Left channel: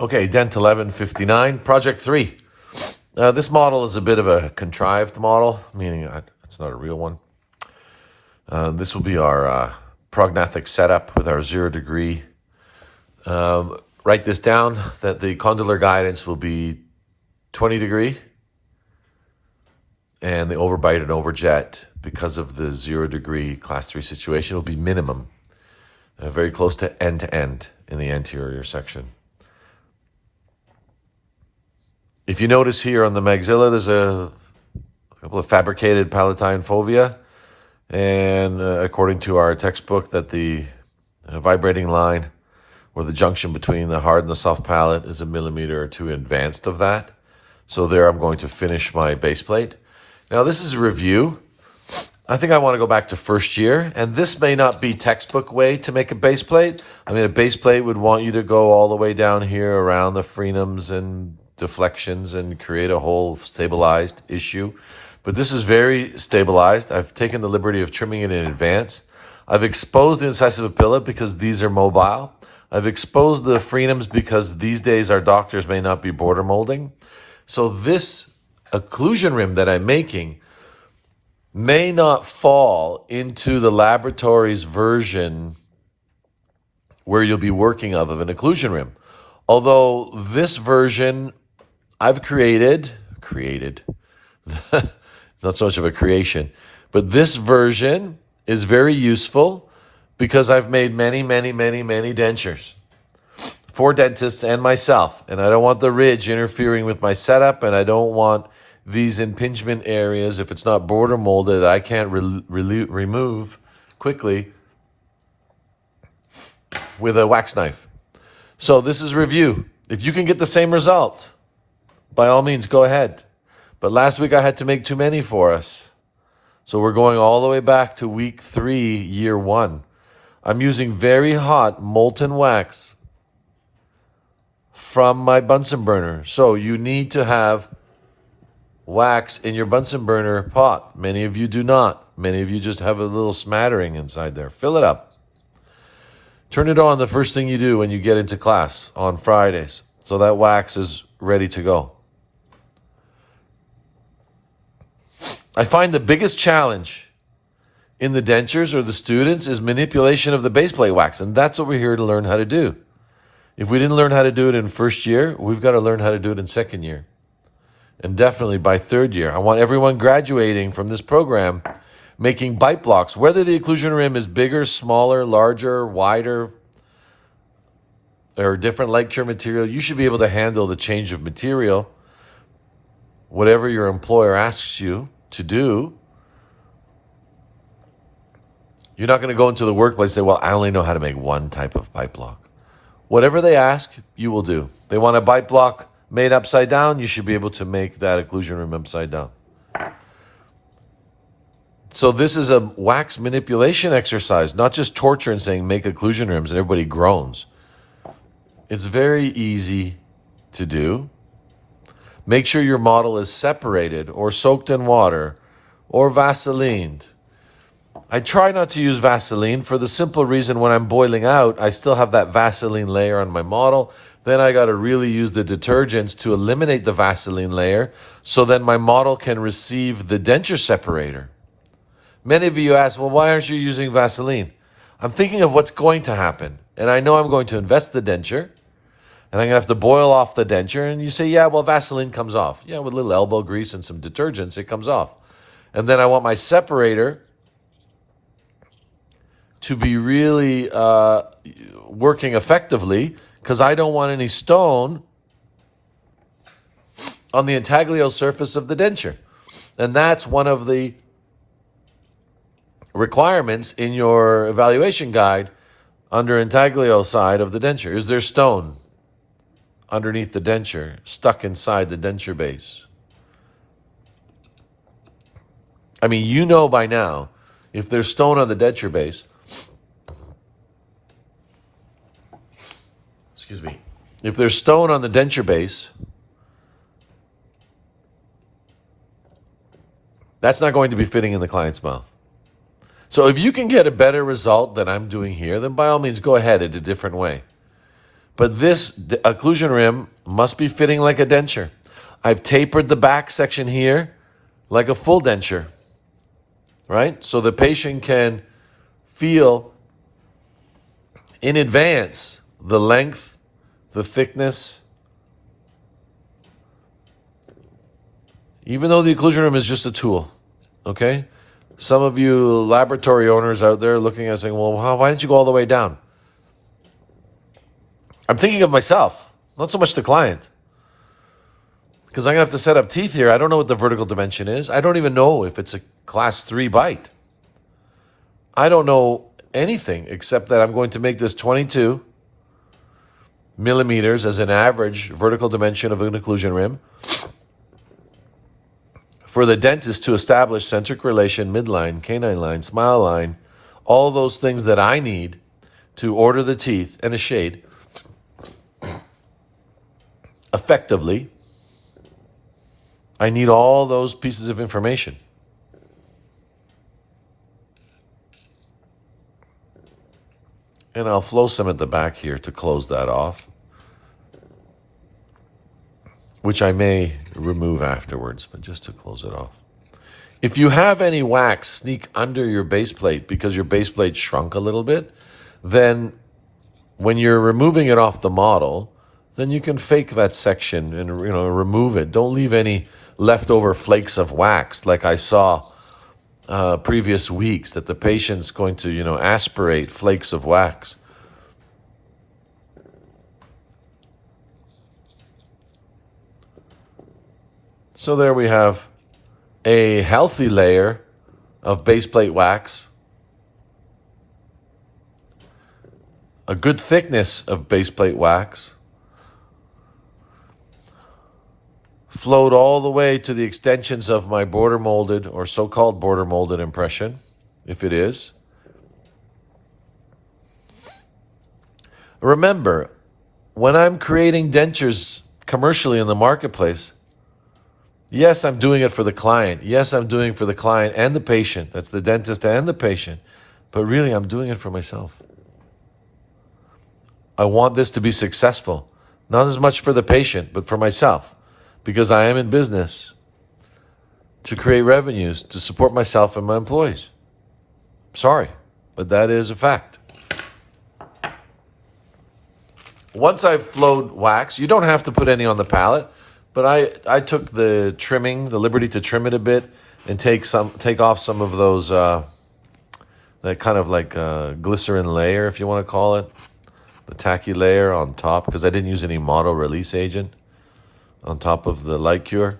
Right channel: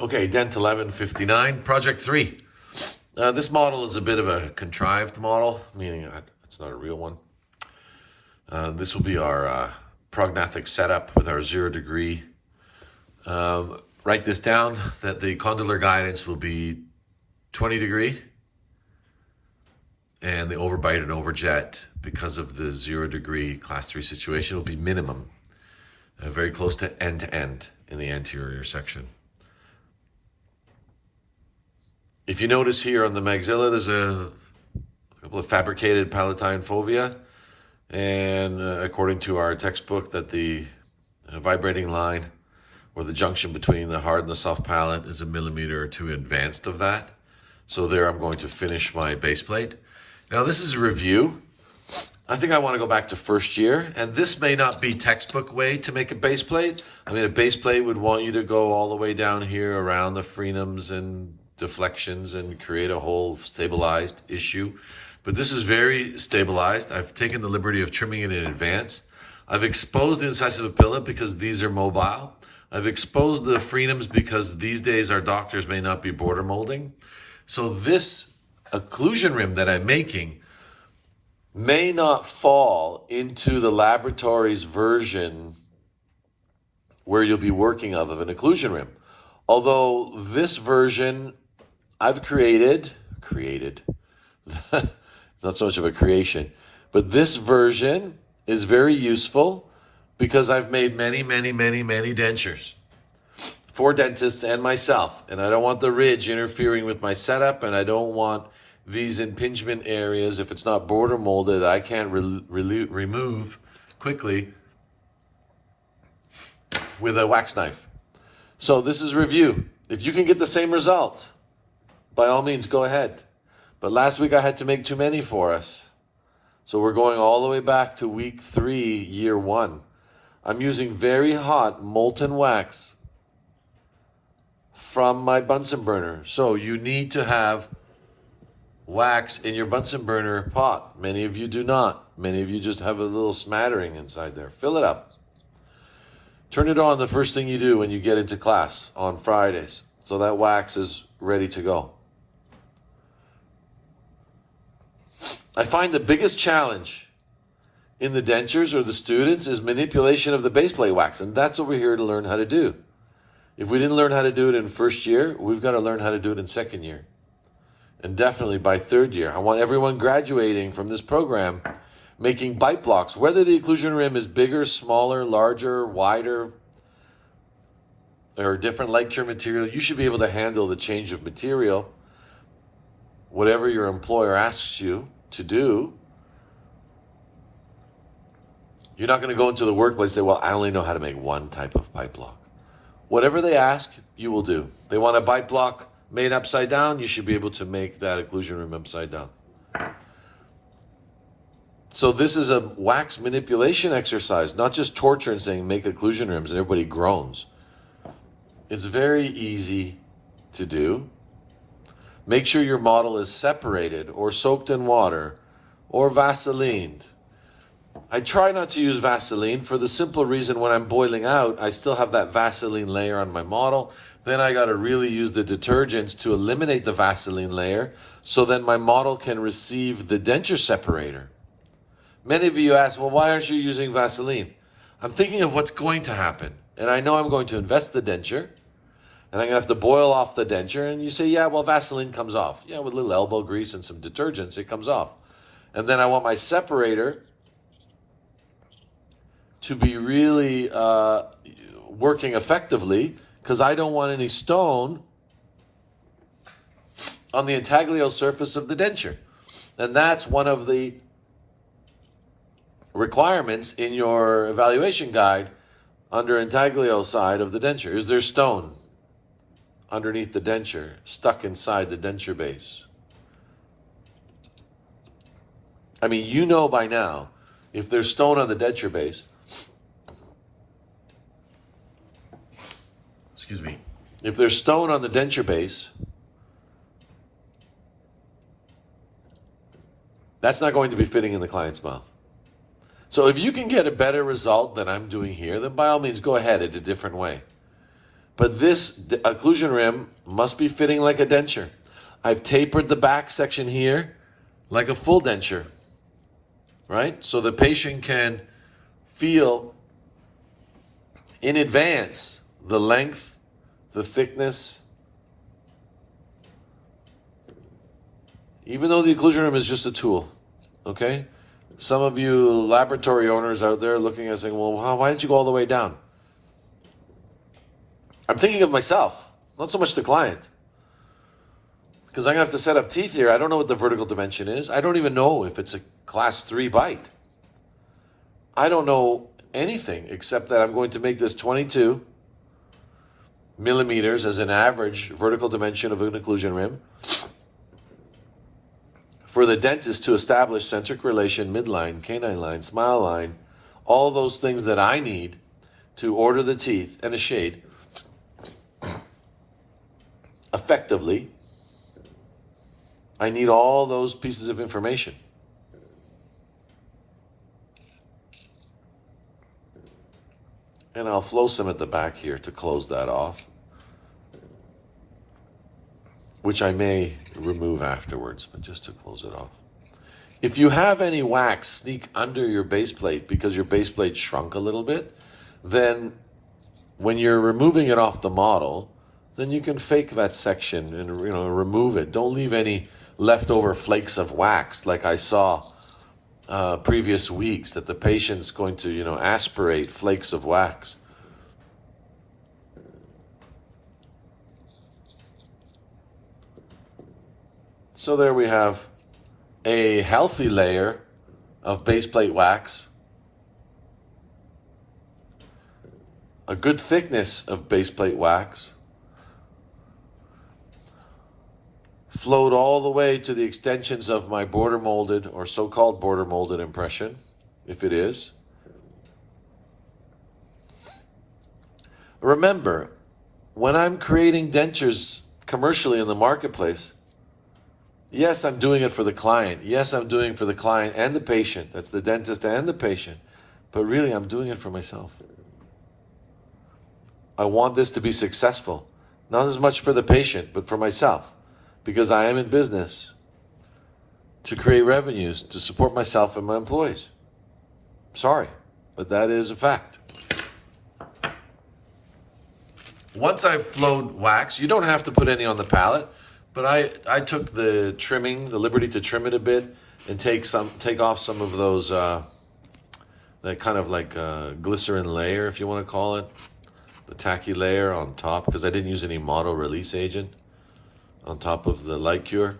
Okay, DENT 1159, Project 3. This model is a bit of a contrived model, meaning it's not a real one. This will be our prognathic setup with our 0 degree. Write this down, that the condylar guidance will be 20 degree, and the overbite and overjet, because of the 0 degree class 3 situation, will be minimum, very close to end in the anterior section. If you notice here on the maxilla, there's a couple of fabricated palatine fovea, and according to our textbook, that the vibrating line, or the junction between the hard and the soft palate, is 1 millimeter or 2 advanced of that. So there I'm going to finish my base plate. Now this is a review. I think I want to go back to first year, and this may not be textbook way to make a base plate. I mean, a base plate would want you to go all the way down here around the frenums and deflections and create a whole stabilized issue. But this is very stabilized. I've taken the liberty of trimming it in advance. I've exposed the incisive papilla because these are mobile. I've exposed the frenums because these days our doctors may not be border molding. So this occlusion rim that I'm making may not fall into the laboratory's version where you'll be working of an occlusion rim. Although this version I've created, not so much of a creation, but this version is very useful because I've made many dentures for dentists and myself. And I don't want the ridge interfering with my setup, and I don't want these impingement areas, if it's not border molded, I can't remove quickly with a wax knife. So this is review. If you can get the same result, by all means, go ahead. But last week I had to make too many for us. So we're going all the way back to week 3, year 1. I'm using very hot molten wax from my Bunsen burner. So you need to have wax in your Bunsen burner pot. Many of you do not. Many of you just have a little smattering inside there. Fill it up. Turn it on the first thing you do when you get into class on Fridays, so that wax is ready to go. I find the biggest challenge in the dentures or the students is manipulation of the base plate wax, and that's what we're here to learn how to do. If we didn't learn how to do it in first year, we've got to learn how to do it in second year, and definitely by third year. I want everyone graduating from this program making bite blocks, whether the occlusion rim is bigger, smaller, larger, wider, or different light cure material. You should be able to handle the change of material, whatever your employer asks you to do. You're not going to go into the workplace and say, well, I only know how to make one type of bite block. Whatever they ask, you will do. They want a bite block made upside down, you should be able to make that occlusion rim upside down. So this is a wax manipulation exercise, not just torture and saying make occlusion rims and everybody groans. It's very easy to do. Make sure your model is separated or soaked in water or Vaselined. I try not to use Vaseline for the simple reason when I'm boiling out, I still have that Vaseline layer on my model. Then I got to really use the detergents to eliminate the Vaseline layer so that my model can receive the denture separator. Many of you ask, well, why aren't you using Vaseline? I'm thinking of what's going to happen. And I know I'm going to invest the denture, and I'm going to have to boil off the denture. And you say, yeah, well, Vaseline comes off. Yeah, with a little elbow grease and some detergents, it comes off. And then I want my separator to be really working effectively, because I don't want any stone on the intaglio surface of the denture. And that's one of the requirements in your evaluation guide under intaglio side of the denture. Is there stone underneath the denture, stuck inside the denture base? I mean, you know by now, if there's stone on the denture base, if there's stone on the denture base, that's not going to be fitting in the client's mouth. So if you can get a better result than I'm doing here, then by all means go ahead in a different way. But this occlusion rim must be fitting like a denture. I've tapered the back section here like a full denture, right? So the patient can feel in advance the length, the thickness. Even though the occlusion rim is just a tool, okay? Some of you laboratory owners out there looking at it saying, well, why didn't you go all the way down? I'm thinking of myself, not so much the client. Because I'm going to have to set up teeth here. I don't know what the vertical dimension is. I don't even know if it's a class 3 bite. I don't know anything except that I'm going to make this 22 millimeters as an average vertical dimension of an occlusion rim for the dentist to establish centric relation, midline, canine line, smile line, all those things that I need to order the teeth and a shade effectively. I need all those pieces of information. And I'll flow some at the back here to close that off, which I may remove afterwards, but just to close it off. If you have any wax sneak under your base plate because your base plate shrunk a little bit, then when you're removing it off the model, then you can fake that section and remove it. Don't leave any leftover flakes of wax like I saw previous weeks, that the patient's going to aspirate flakes of wax. So there we have a healthy layer of base plate wax, a good thickness of base plate wax, flowed all the way to the extensions of my border molded or so-called border molded impression, if it is. Remember, when I'm creating dentures commercially in the marketplace, yes, I'm doing it for the client. Yes, I'm doing it for the client and the patient. That's the dentist and the patient. But really, I'm doing it for myself. I want this to be successful, not as much for the patient, but for myself. Because I am in business to create revenues to support myself and my employees. Sorry, but that is a fact. Once I've flowed wax, you don't have to put any on the palette, but I took the liberty to trim it a bit and take off some of those, that kind of like glycerin layer, if you want to call it, the tacky layer on top, because I didn't use any mono release agent on top of the light cure.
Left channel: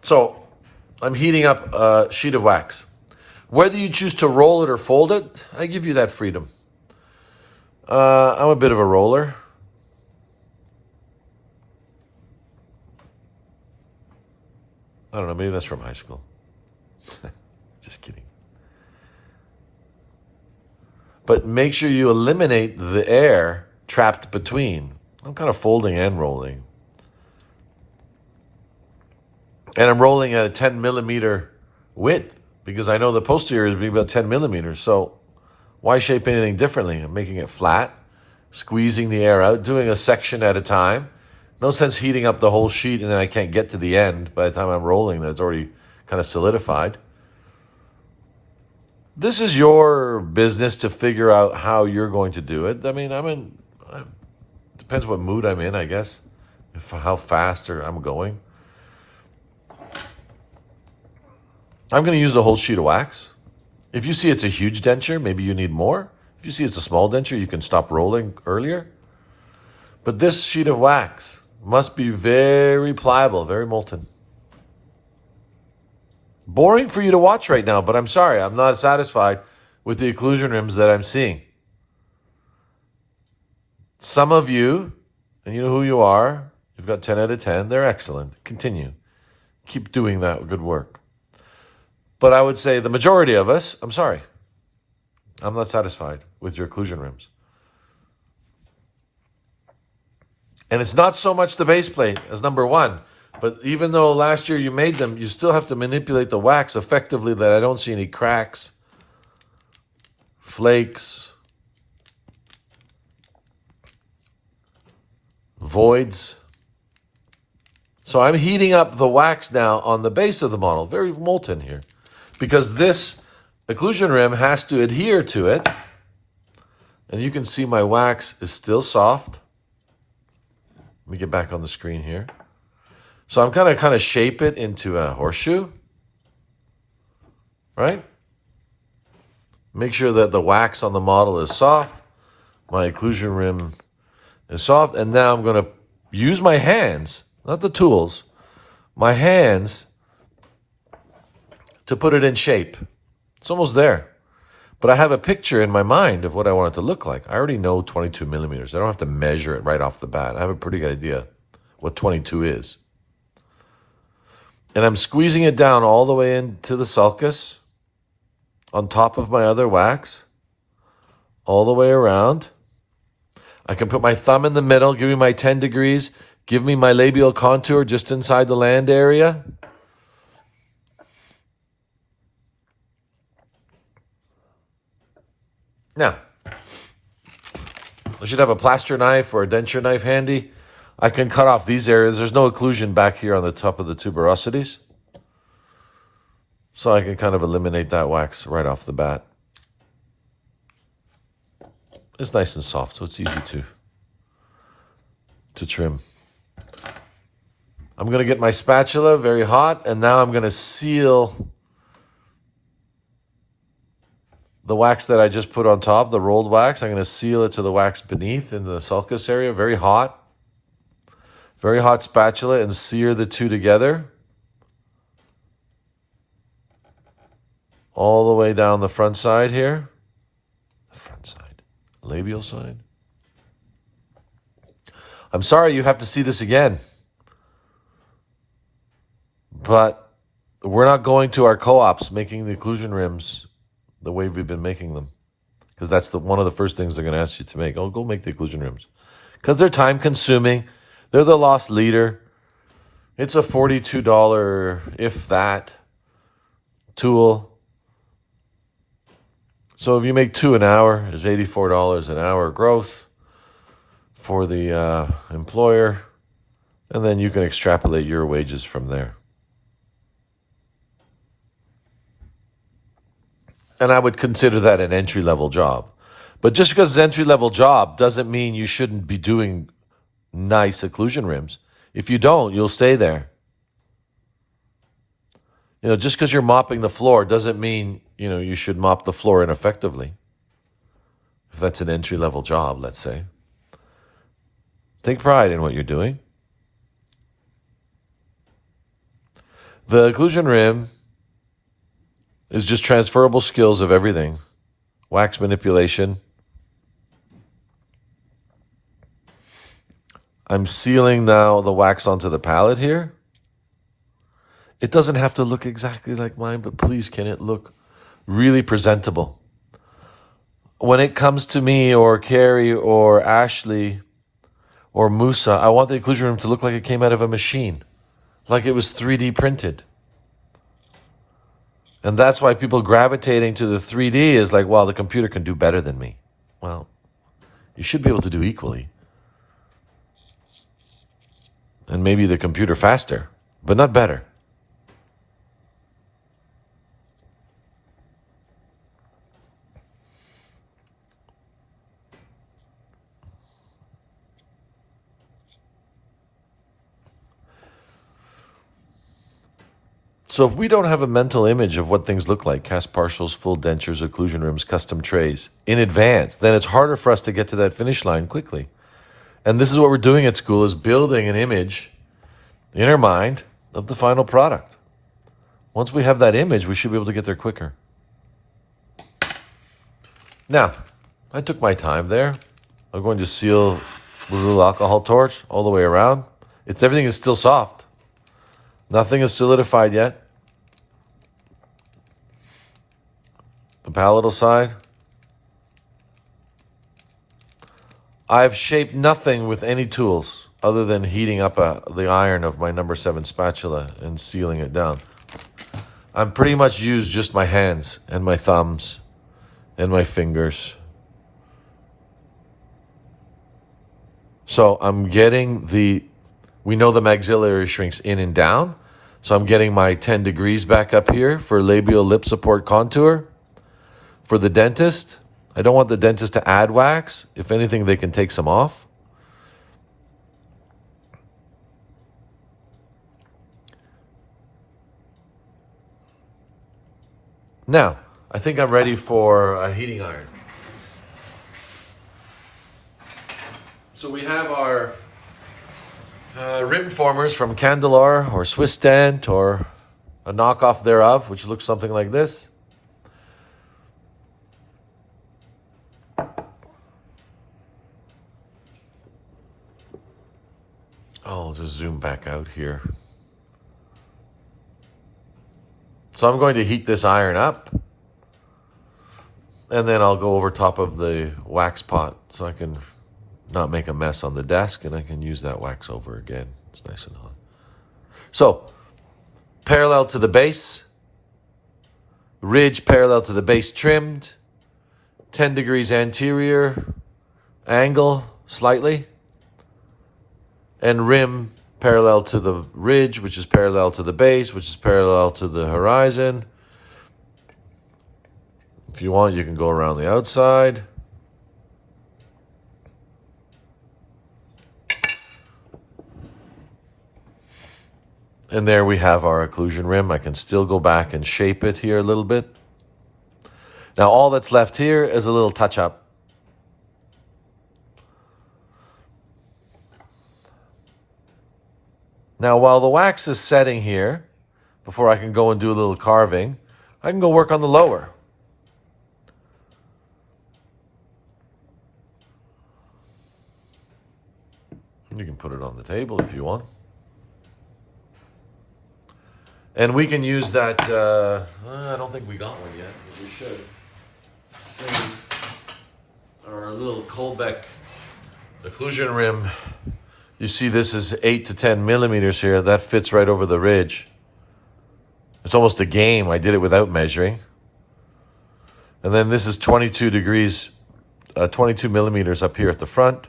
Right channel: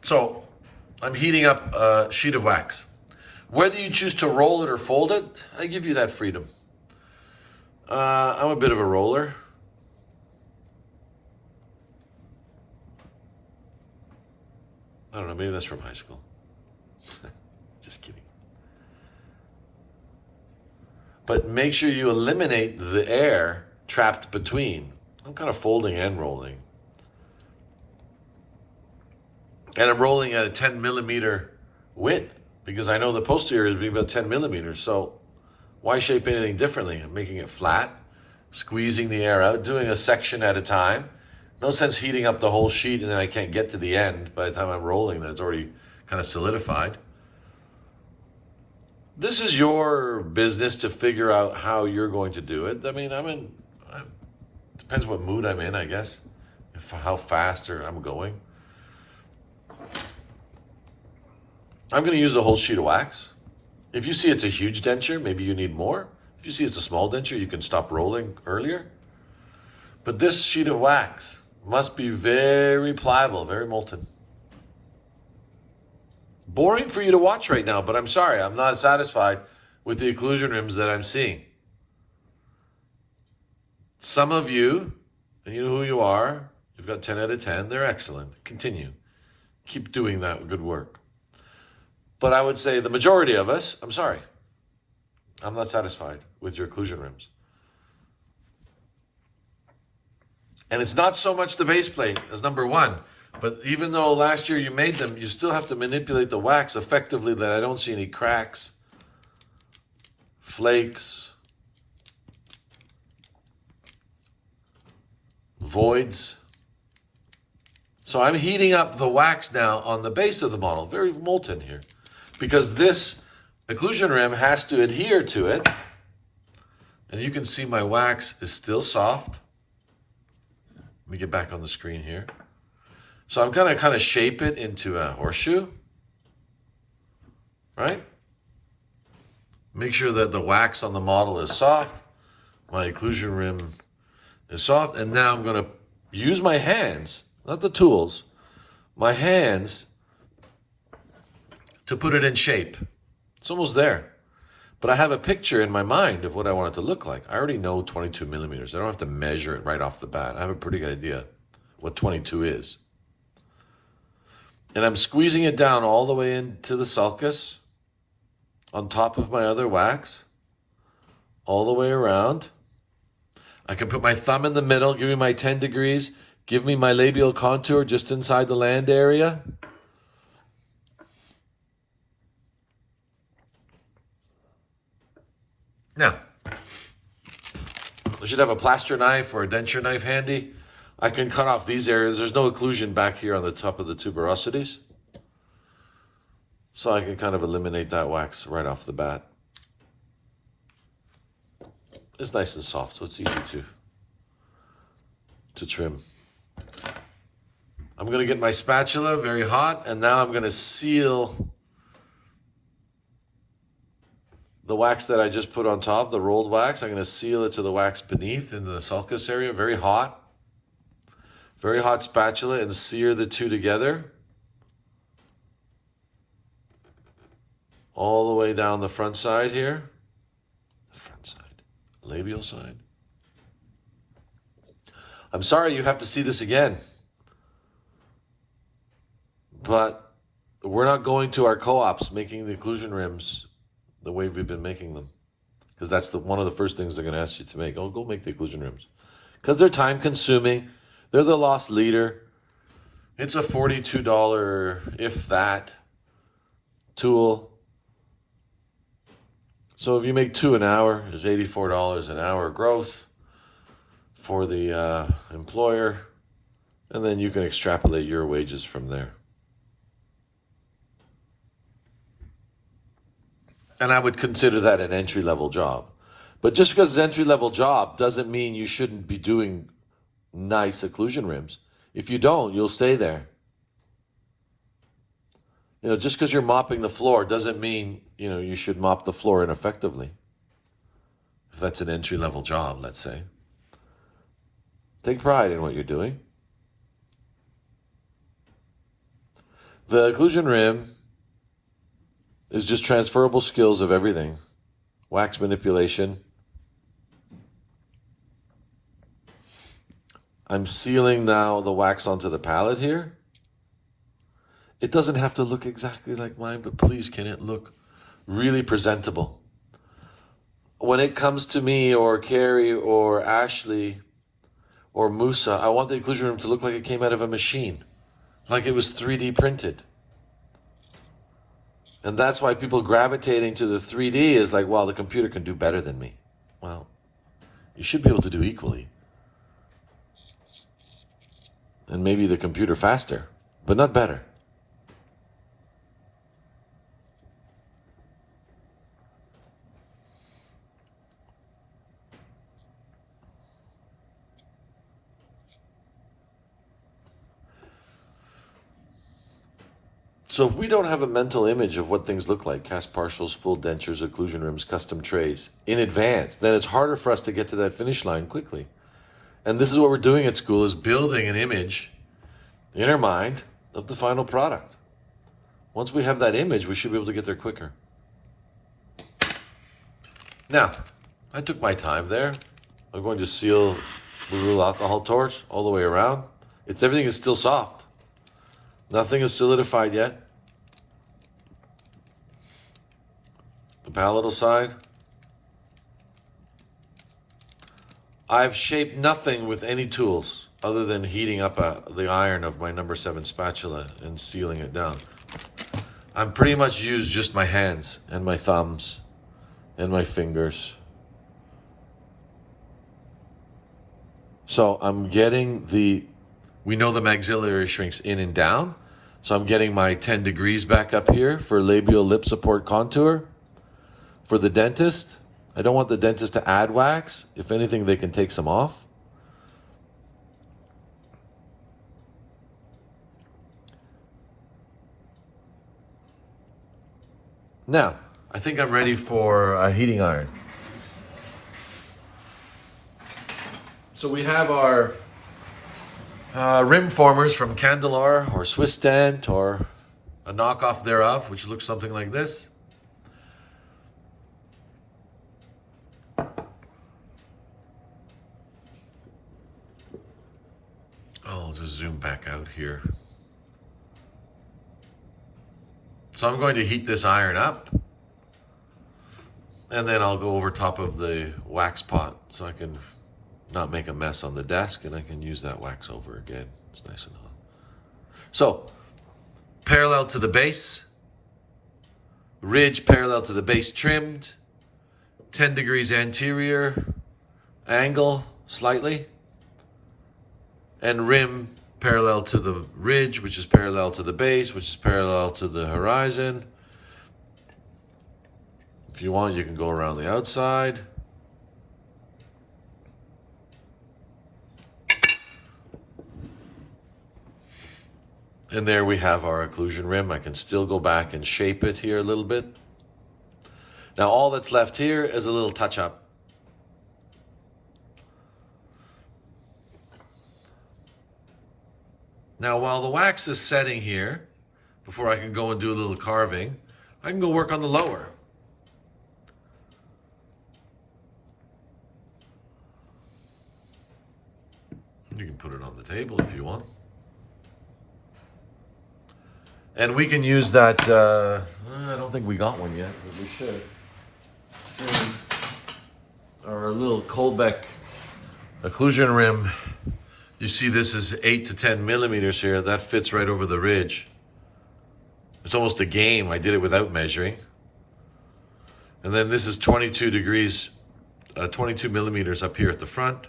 So I'm heating up a sheet of wax. Whether you choose to roll it or fold it, I give you that freedom. I'm a bit of a roller. I don't know, maybe that's from high school. Just kidding. But make sure you eliminate the air trapped between. I'm kind of folding and rolling. And I'm rolling at a 10 millimeter width because I know the posterior is about 10 millimeters. So why shape anything differently? I'm making it flat, squeezing the air out, doing a section at a time. No sense heating up the whole sheet and then I can't get to the end by the time I'm rolling. That's already kind of solidified. This is your business to figure out how you're going to do it. I mean, depends what mood I'm in, I guess, how fast I'm going. I'm going to use the whole sheet of wax. If you see it's a huge denture, maybe you need more. If you see it's a small denture, you can stop rolling earlier. But this sheet of wax must be very pliable, very molten. Boring for you to watch right now, but I'm sorry, I'm not satisfied with the occlusion rims that I'm seeing. Some of you, and you know who you are, you've got 10 out of 10, they're excellent. Continue. Keep doing that good work. But I would say the majority of us, I'm sorry, I'm not satisfied with your occlusion rims. And it's not so much the base plate as number one. But even though last year you made them, you still have to manipulate the wax effectively that I don't see any cracks, flakes, voids. So I'm heating up the wax now on the base of the model, very molten here, because this occlusion rim has to adhere to it. And you can see my wax is still soft. Let me get back on the screen here. So I'm kind of shape it into a horseshoe, right? Make sure that the wax on the model is soft. My occlusion rim is soft. And now I'm going to use my hands, not the tools, my hands to put it in shape. It's almost there. But I have a picture in my mind of what I want it to look like. I already know 22 millimeters. I don't have to measure it right off the bat. I have a pretty good idea what 22 is. And I'm squeezing it down all the way into the sulcus on top of my other wax, all the way around. I can put my thumb in the middle, give me my 10 degrees, give me my labial contour just inside the land area. Now, I should have a plaster knife or a denture knife handy. I can cut off these areas. There's no occlusion back here on the top of the tuberosities. So I can kind of eliminate that wax right off the bat. It's nice and soft, so it's easy to trim. I'm going to get my spatula very hot, and now I'm going to seal the wax that I just put on top, the rolled wax. I'm going to seal it to the wax beneath in the sulcus area, very hot spatula, and sear the two together. All the way down the front side here. The front side. Labial side. I'm sorry you have to see this again. But we're not going to our co-ops making the occlusion rims the way we've been making them. Because that's one of the first things they're going to ask you to make. Oh, go make the occlusion rims. Because they're time consuming. They're the lost leader. It's a $42, if that, tool. So if you make 2 an hour, it's $84 an hour growth for the employer. And then you can extrapolate your wages from there. And I would consider that an entry-level job. But just because it's an entry-level job doesn't mean you shouldn't be doing nice occlusion rims. If you don't, you'll stay there. You know, just because you're mopping the floor doesn't mean, you should mop the floor ineffectively. If that's an entry-level job, let's say. Take pride in what you're doing. The occlusion rim is just transferable skills of everything. Wax manipulation. I'm sealing now the wax onto the palette here. It doesn't have to look exactly like mine, but please can it look really presentable? When it comes to me or Carrie or Ashley or Musa, I want the occlusion rim to look like it came out of a machine, like it was 3D printed. And that's why people gravitating to the 3D is like, well, the computer can do better than me. Well, you should be able to do equally. And maybe the computer faster, but not better. So if we don't have a mental image of what things look like, cast partials, full dentures, occlusion rims, custom trays, in advance, then it's harder for us to get to that finish line quickly. And this is what we're doing at school, is building an image in our mind of the final product. Once we have that image, we should be able to get there quicker. Now, I took my time there. I'm going to seal the little alcohol torch all the way around. Everything is still soft. Nothing is solidified yet. The palatal side. I've shaped nothing with any tools. other than heating up the iron of my number 7 spatula and sealing it down. I'm pretty much used just my hands and my thumbs and my fingers. So I'm getting we know the maxillary shrinks in and down. So I'm getting my 10 degrees back up here for labial lip support contour. For the dentist, I don't want the dentist to add wax. If anything, they can take some off. Now, I think I'm ready for a heating iron. So we have our rim formers from Candelar or Swiss DENT or a knockoff thereof, which looks something like this. I'll just zoom back out here. So I'm going to heat this iron up, and then I'll go over top of the wax pot so I can not make a mess on the desk, and I can use that wax over again. It's nice and hot. So, parallel to the base, ridge parallel to the base trimmed, 10 degrees anterior, angle slightly, and rim parallel to the ridge, which is parallel to the base, which is parallel to the horizon. If you want, you can go around the outside. And there we have our occlusion rim. I can still go back and shape it here a little bit. Now all that's left here is a little touch-up. Now while the wax is setting here, before I can go and do a little carving, I can go work on the lower. You can put it on the table if you want. And we can use that, I don't think we got one yet, but we should. Our little Colbeck occlusion rim. You see this is 8 to 10 millimeters here. That fits right over the ridge. It's almost a game. I did it without measuring. And then this is 22 degrees, 22 millimeters up here at the front.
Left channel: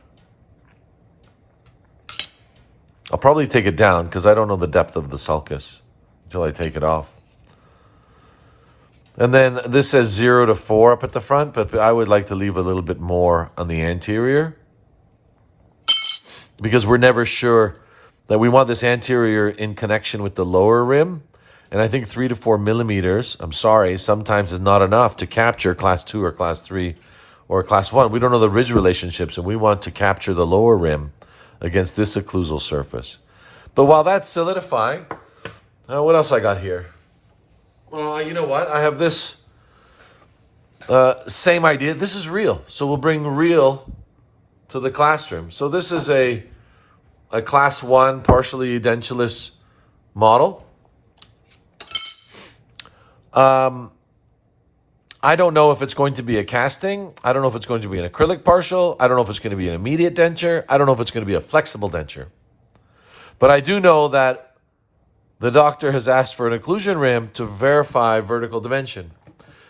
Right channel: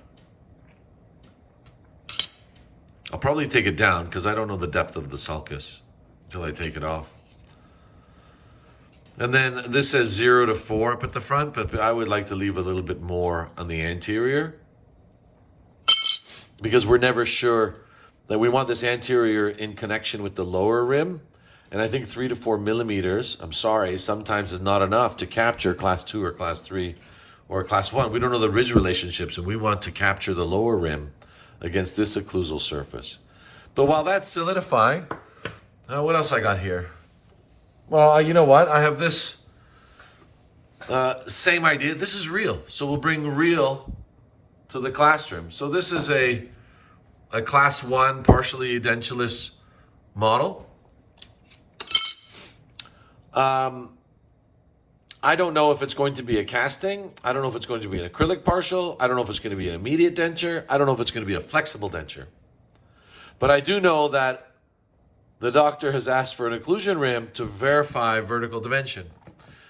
I'll probably take it down because I don't know the depth of the sulcus until I take it off. And then this says 0 to 4 up at the front, but I would like to leave a little bit more on the anterior because we're never sure that we want this anterior in connection with the lower rim. And I think 3 to 4 millimeters, I'm sorry, sometimes is not enough to capture class 2 or class 3 or class 1. We don't know the ridge relationships, and we want to capture the lower rim against this occlusal surface. But while that's solidifying, what else I got here? Well, you know what? I have this same idea. This is real. So we'll bring real to the classroom. So this is a class 1 partially edentulous model. I don't know if it's going to be a casting. I don't know if it's going to be an acrylic partial. I don't know if it's going to be an immediate denture. I don't know if it's going to be a flexible denture. But I do know that the doctor has asked for an occlusion rim to verify vertical dimension.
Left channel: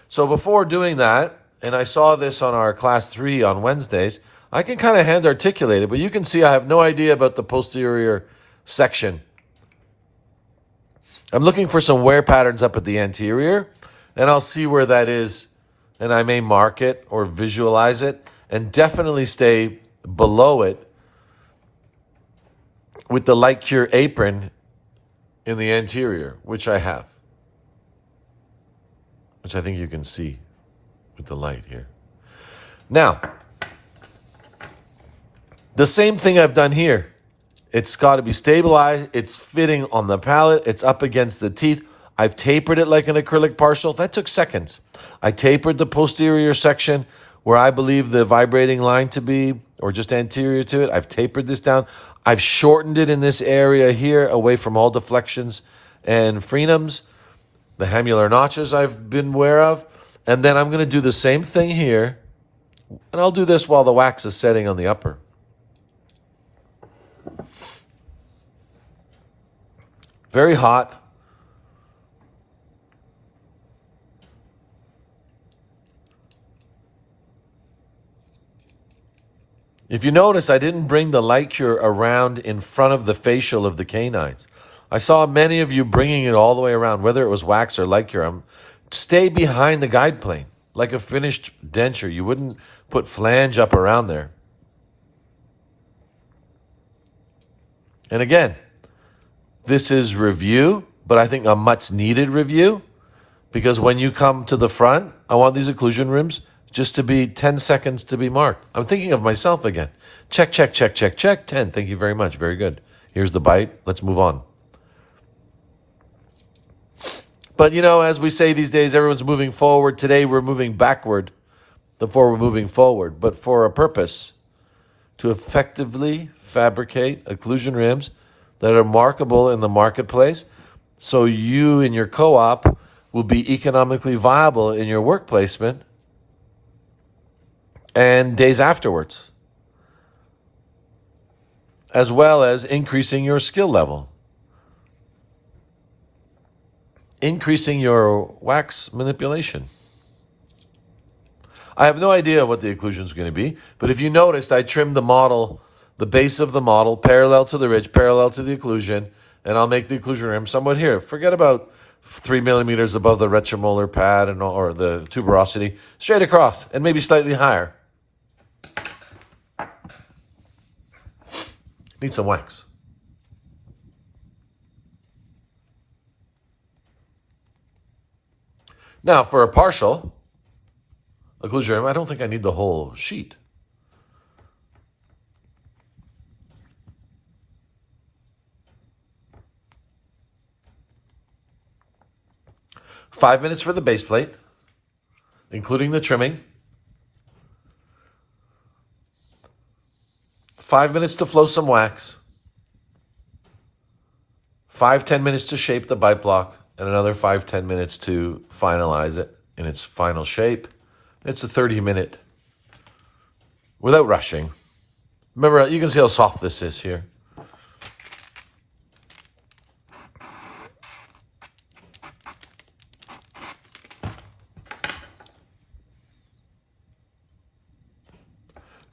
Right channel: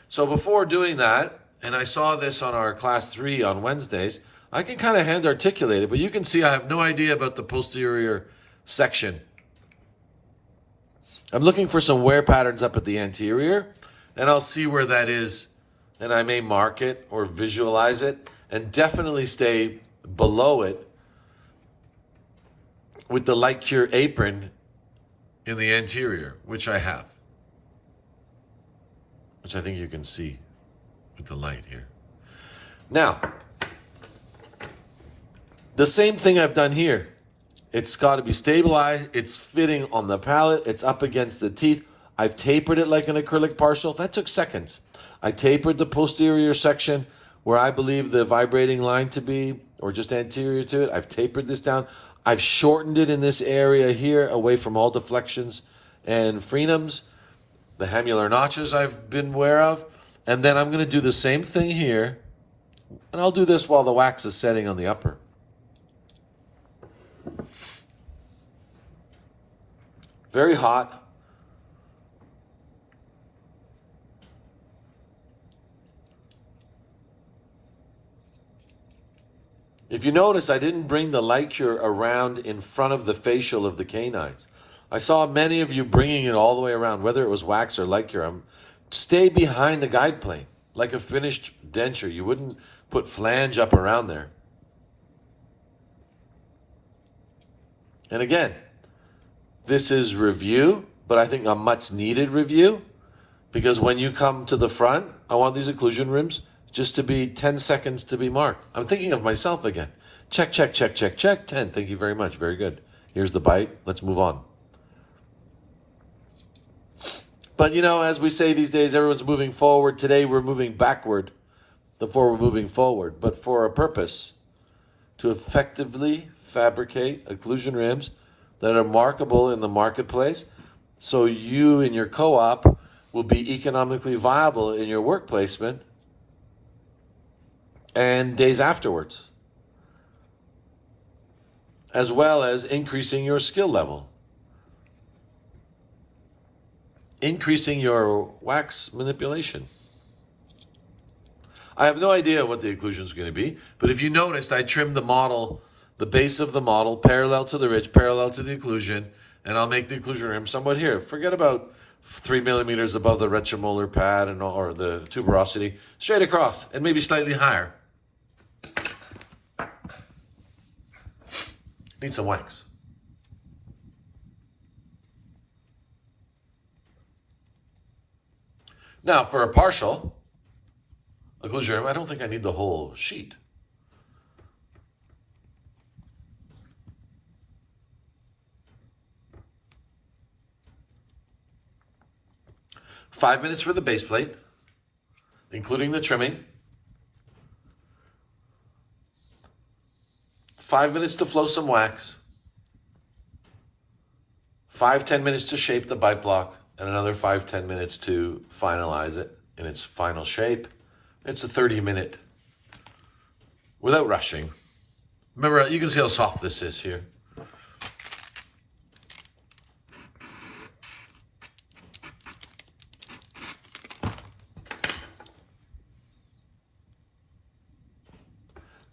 So before doing that, and I saw this on our class 3 on Wednesdays, I can kind of hand articulate it, but you can see I have no idea about the posterior section. I'm looking for some wear patterns up at the anterior, and I'll see where that is, and I may mark it or visualize it, and definitely stay below it with the light cure apron in the anterior, which I have, which I think you can see with the light here. Now, the same thing I've done here. It's got to be stabilized. It's fitting on the palate. It's up against the teeth. I've tapered it like an acrylic partial. That took seconds. I tapered the posterior section where I believe the vibrating line to be, or just anterior to it. I've tapered this down. I've shortened it in this area here away from all deflections and frenums. The hamular notches I've been aware of. And then I'm going to do the same thing here. And I'll do this while the wax is setting on the upper. very hot. If you notice, I didn't bring the light cure around in front of the facial of the canines. I saw many of you bringing it all the way around, whether it was wax or light cure. Stay behind the guide plane, like a finished denture. You wouldn't put flange up around there. And again, this is review, but I think a much needed review, because when you come to the front, I want these occlusion rims just to be 10 seconds to be marked. I'm thinking of myself again. Check, check, check, check, check. 10. Thank you very much. Very good. Here's the bite. Let's move on. But, you know, as we say these days, everyone's moving forward. Today, we're moving backward before we're moving forward, but for a purpose, to effectively fabricate occlusion rims that are markable in the marketplace, so you in your co-op will be economically viable in your work placement and days afterwards, as well as increasing your skill level, increasing your wax manipulation. I have no idea what the occlusion is going to be, but if you noticed, I trimmed the model, the base of the model, parallel to the ridge, parallel to the occlusion, and I'll make the occlusion rim somewhat here. Forget about 3 millimeters above the retromolar pad or the tuberosity, straight across, and maybe slightly higher. Need some wax. Now, for a partial occlusion rim, I don't think I need the whole sheet. Five minutes for the base plate, including the trimming. 5 minutes to flow some wax. 5-10 minutes to shape the bite block, and another 5-10 minutes to finalize it in its final shape. It's a 30-minute without rushing. Remember, you can see how soft this is here.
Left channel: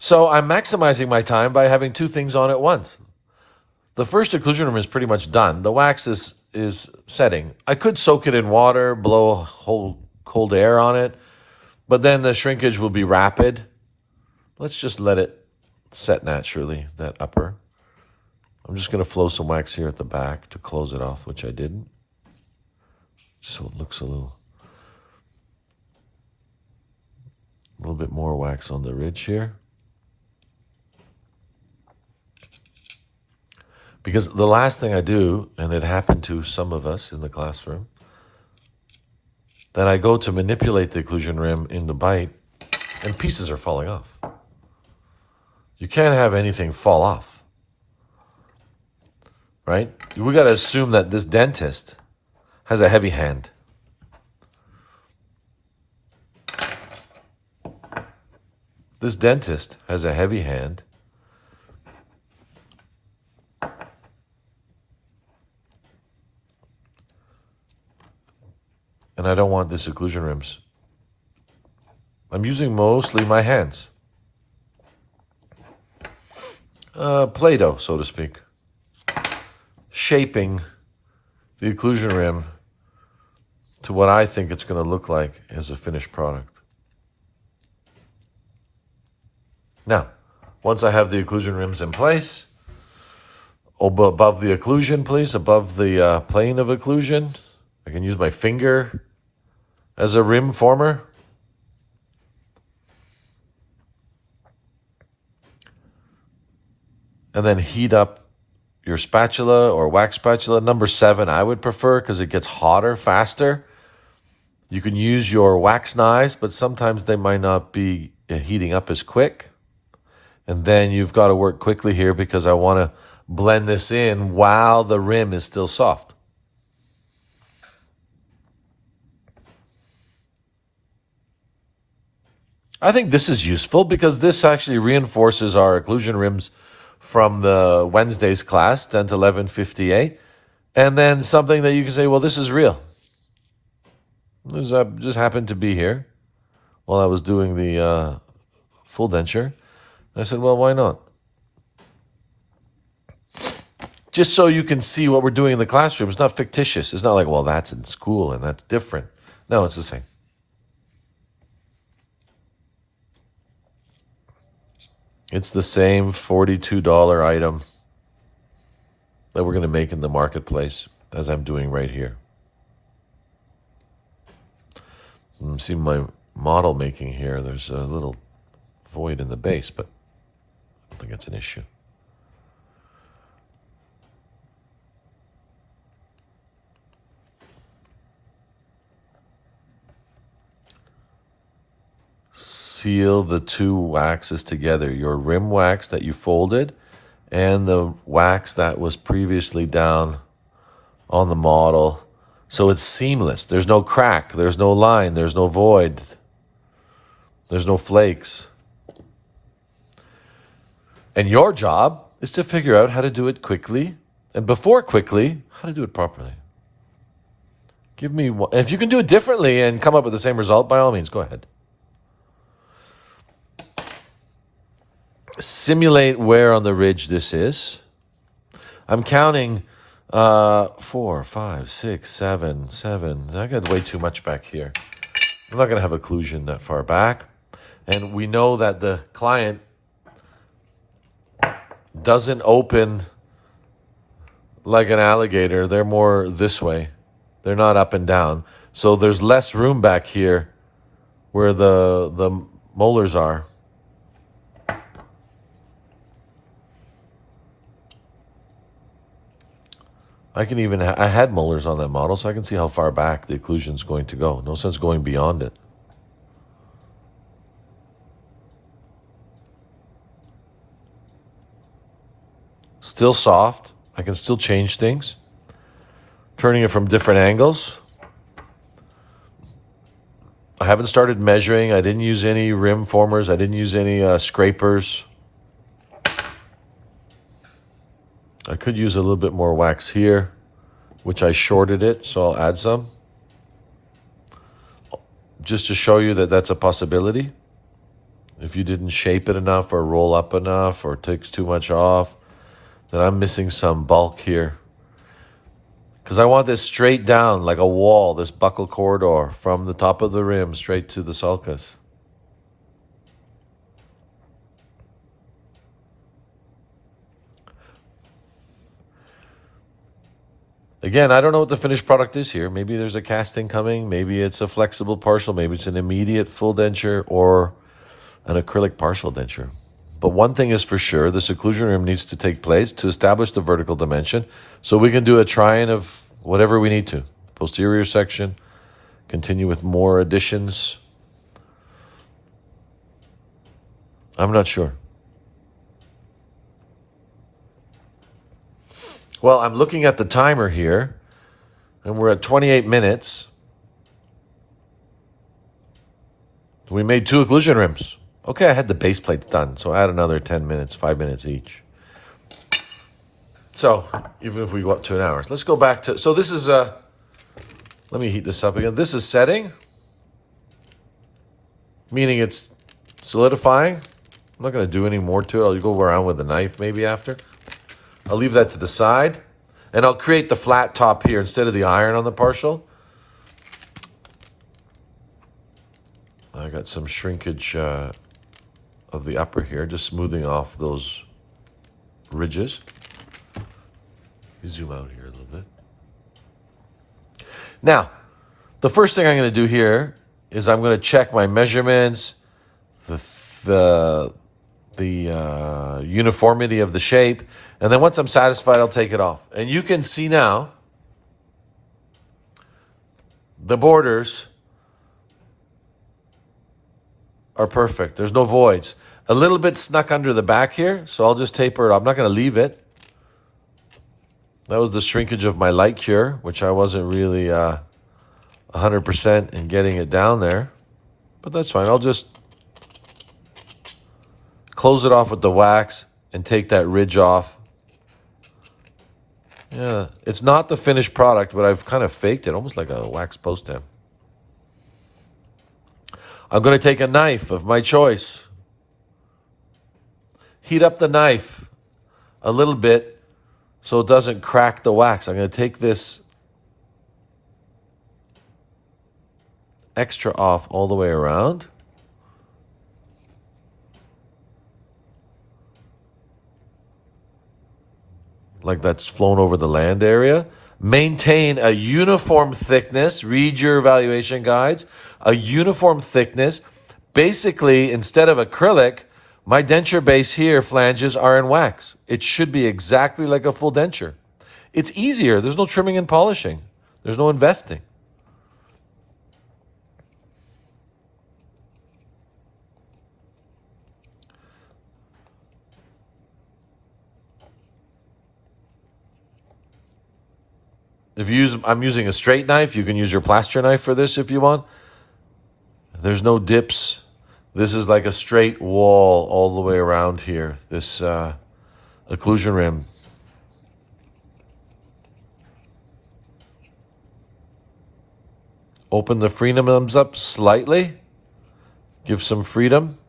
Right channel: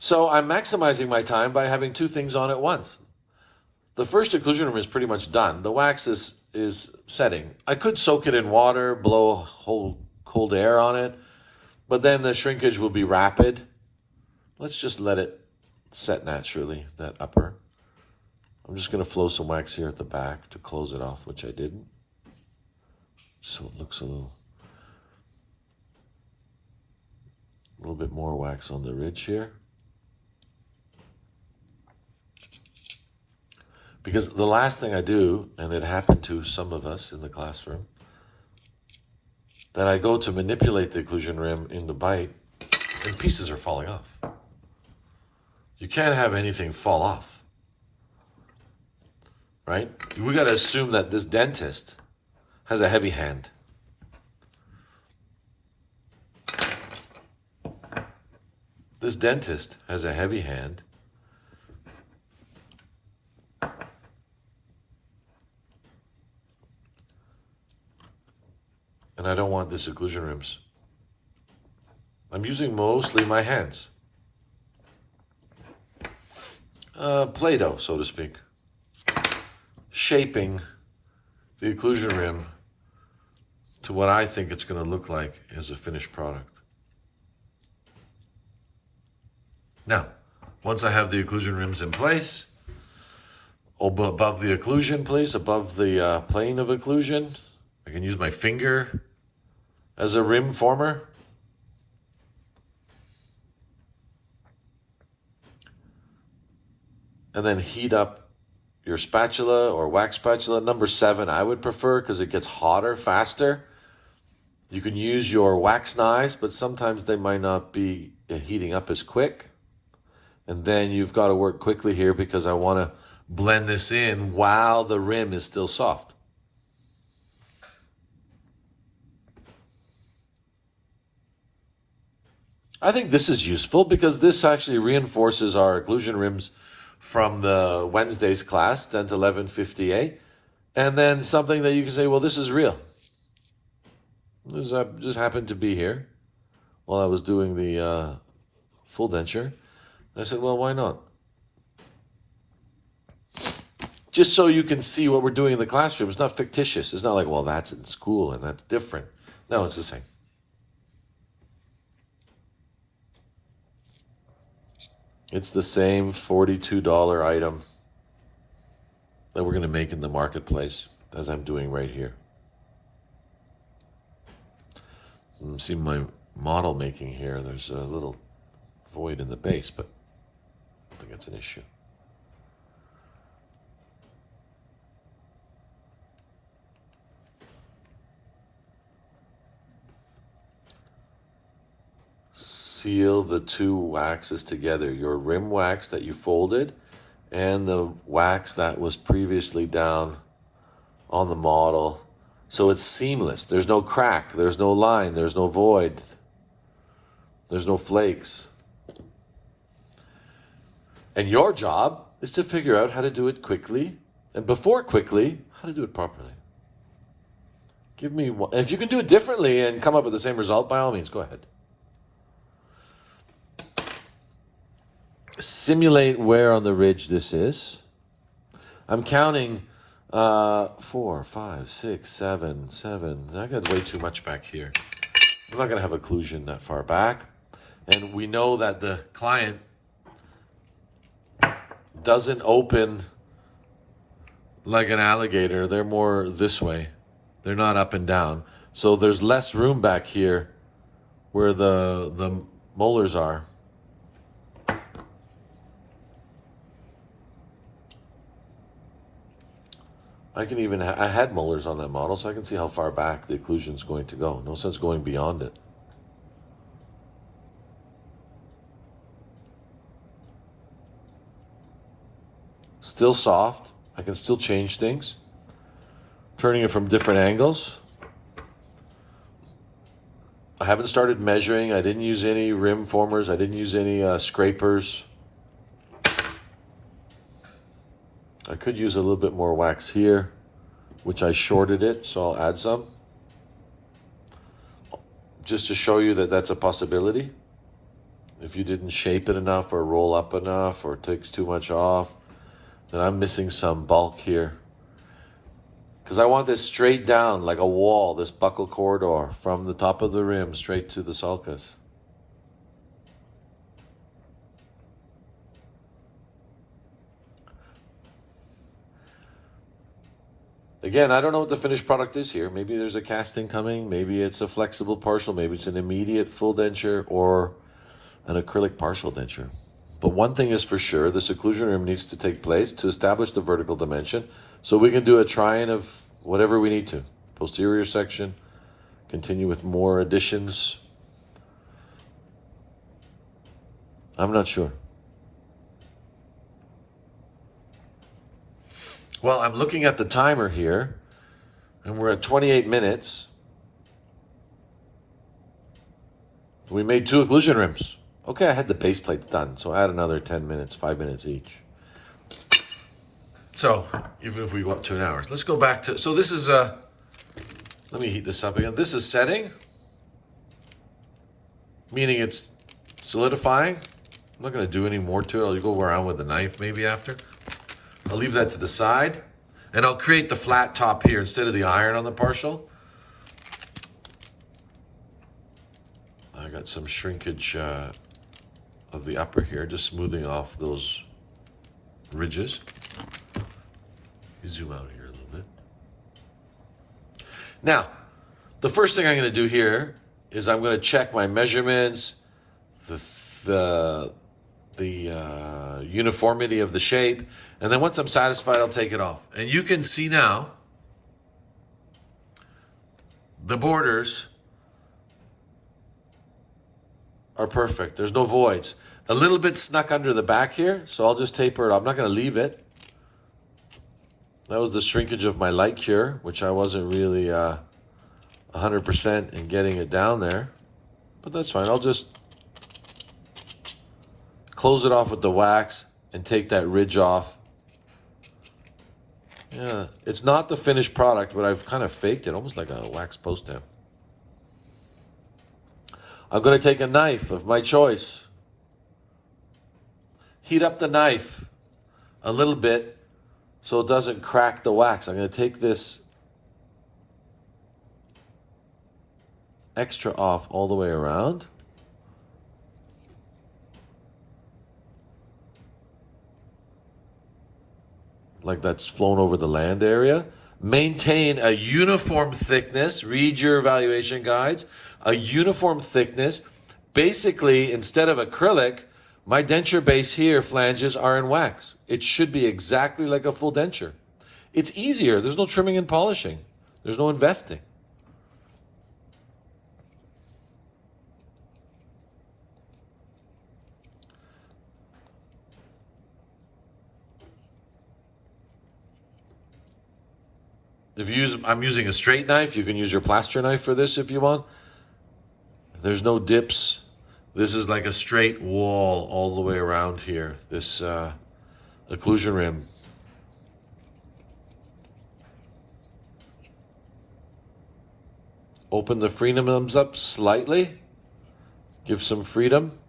So I'm maximizing my time by having two things on at once. The first occlusion rim is pretty much done. The wax is setting. I could soak it in water, blow a whole cold air on it, but then the shrinkage will be rapid. Let's just let it set naturally, that upper. I'm just going to flow some wax here at the back to close it off, which I didn't. Just so it looks a little bit more wax on the ridge here. Because the last thing I do, and it happened to some of us in the classroom, then I go to manipulate the occlusion rim in the bite, and pieces are falling off. You can't have anything fall off, right? We got to assume that this dentist has a heavy hand. This dentist has a heavy hand. And I don't want this occlusion rims. I'm using mostly my hands. Play-Doh, so to speak. Shaping the occlusion rim to what I think it's going to look like as a finished product. Now, once I have the occlusion rims in place, above the occlusion, please, above the plane of occlusion, I can use my finger as a rim former. And then heat up your spatula or wax spatula. Number 7, I would prefer, because it gets hotter faster. You can use your wax knives, but sometimes they might not be heating up as quick. And then you've got to work quickly here, because I want to blend this in while the rim is still soft. I think this is useful because this actually reinforces our occlusion rims from the Wednesday's class, DENT 1150A. And then something that you can say, well, this is real. This just happened to be here while I was doing the full denture. I said, well, why not? Just so you can see what we're doing in the classroom. It's not fictitious. It's not like, well, that's in school and that's different. No, it's the same. It's the same $42 item that we're going to make in the marketplace as I'm doing right here. See my model making here. There's a little void in the base, but I don't think it's an issue. Seal the two waxes together, your rim wax that you folded and the wax that was previously down on the model, so it's seamless. There's no crack, there's no line, there's no void, there's no flakes. And your job is to figure out how to do it quickly, and before quickly, how to do it properly. Give me one. If you can do it differently and come up with the same result, by all means, go ahead. Simulate where on the ridge this is. I'm counting 4, 5, 6, 7. I got way too much back here. I'm not going to have occlusion that far back. And we know that the client doesn't open like an alligator. They're more this way. They're not up and down. So there's less room back here where the molars are. I had molars on that model, so I can see how far back the occlusion is going to go. No sense going beyond it. Still soft. I can still change things. Turning it from different angles. I haven't started measuring. I didn't use any rim formers. I didn't use any scrapers. I could use a little bit more wax here, which I shorted it, so I'll add some. Just to show you that that's a possibility. If you didn't shape it enough or roll up enough or takes too much off, then I'm missing some bulk here. Because I want this straight down like a wall, this buckle corridor from the top of the rim straight to the sulcus. Again, I don't know what the finished product is here. Maybe there's a casting coming. Maybe it's a flexible partial. Maybe it's an immediate full denture or an acrylic partial denture. But one thing is for sure, this occlusion rim needs to take place to establish the vertical dimension so we can do a try-in of whatever we need to. Posterior section, continue with more additions. I'm not sure. Well, I'm looking at the timer here, and we're at 28 minutes. We made 2 occlusion rims. Okay, I had the base plates done, so add another 10 minutes, 5 minutes each. So, even if we go up to an hour. Let's go back to, so this is, let me heat this up again. This is setting, meaning it's solidifying. I'm not going to do any more to it. I'll go around with a knife maybe after. I'll leave that to the side, and I'll create the flat top here instead of the iron on the partial. I got some shrinkage of the upper here, just smoothing off those ridges. Zoom out here a little bit. Now, the first thing I'm going to do here is I'm going to check my measurements, the uniformity of the shape, and then once I'm satisfied, I'll take it off. And you can see now the borders are perfect. There's no voids. A little bit snuck under the back here, so I'll just taper it off. I'm not going to leave it. That was the shrinkage of my light cure, which I wasn't really 100% in getting it down there. But that's fine. I'll just close it off with the wax and take that ridge off. Yeah, it's not the finished product, but I've kind of faked it, almost like a wax post stamp. I'm going to take a knife of my choice. Heat up the knife a little bit so it doesn't crack the wax. I'm going to take this extra off all the way around. Like that's flown over the land area. Maintain a uniform thickness. Read your evaluation guides. A uniform thickness. Basically, instead of acrylic, my denture base here, flanges, are in wax. It should be exactly like a full denture. It's easier. There's no trimming and polishing. There's no investing. I'm using a straight knife. You can use your plaster knife for this if you want. There's no dips. This is like a straight wall all the way around here. This occlusion rim. Open the freedoms up slightly. Give some freedom.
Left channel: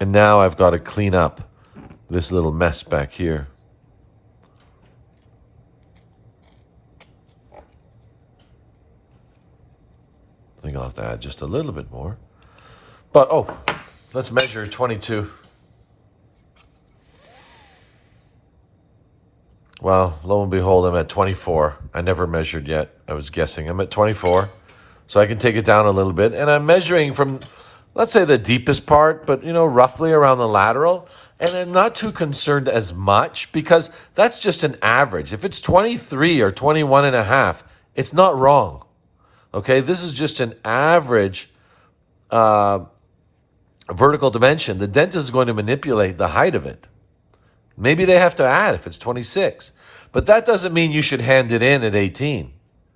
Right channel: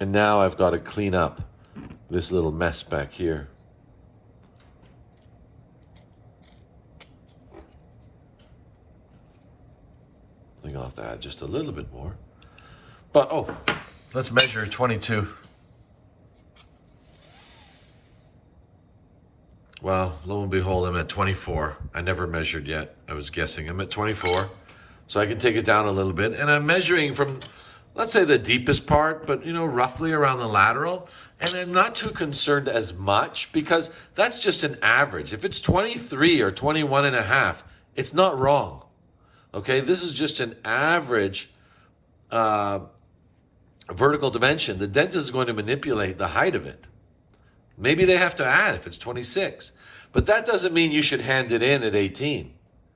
And now I've got to clean up this little mess back here. I think I'll have to add just a little bit more. But, let's measure 22. Well, lo and behold, I'm at 24. I never measured yet. I was guessing. I'm at 24. So I can take it down a little bit. And I'm measuring from, let's say, the deepest part, but, roughly around the lateral. And I'm not too concerned as much because that's just an average. If it's 23 or 21 and a half, it's not wrong. Okay, this is just an average vertical dimension. The dentist is going to manipulate the height of it. Maybe they have to add if it's 26. But that doesn't mean you should hand it in at 18.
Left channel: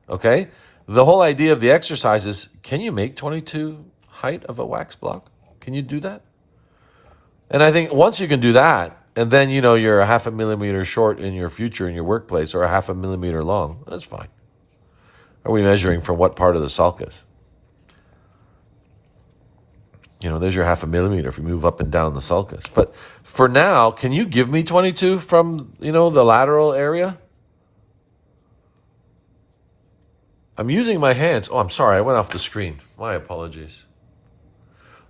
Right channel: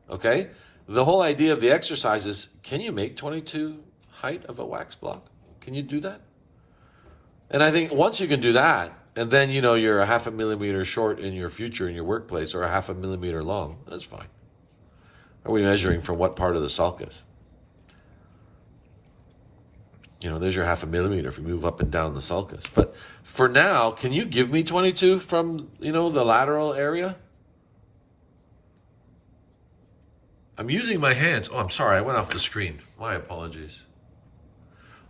Okay? The whole idea of the exercise is, can you make 22 height of a wax block? Can you do that? And I think once you can do that, and then you're a half a millimeter short in your future in your workplace or a half a millimeter long, that's fine. Are we measuring from what part of the sulcus? There's your half a millimeter if you move up and down the sulcus. But for now, can you give me 22 from, the lateral area? I'm using my hands. Oh, I'm sorry. I went off the screen. My apologies.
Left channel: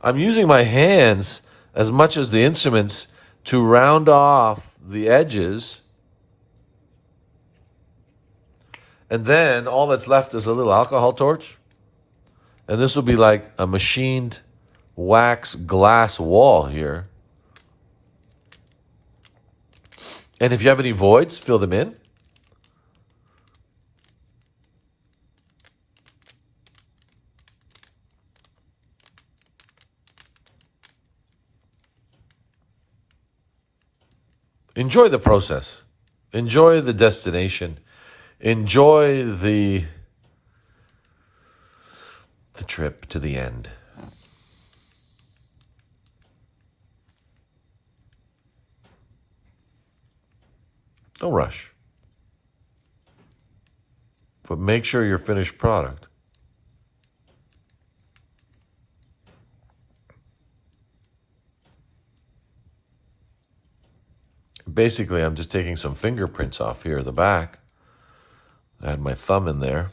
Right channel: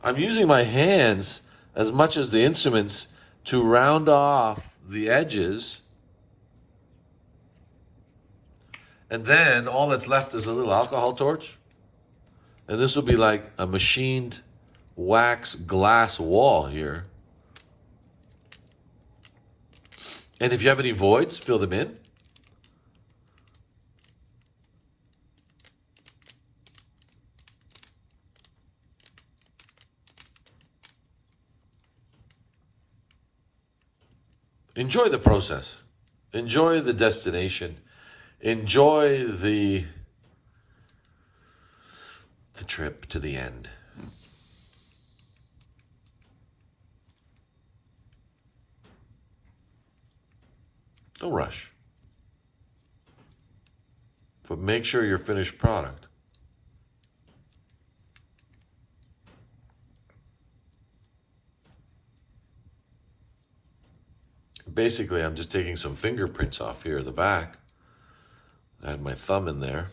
I'm using my hands as much as the instruments to round off the edges. And then all that's left is a little alcohol torch. And this will be like a machined wax glass wall here. And if you have any voids, fill them in. Enjoy the process. Enjoy the destination. Enjoy the trip to the end. Don't rush. But make sure your finished product basically, I'm just taking some fingerprints off here at the back. I had my thumb in there.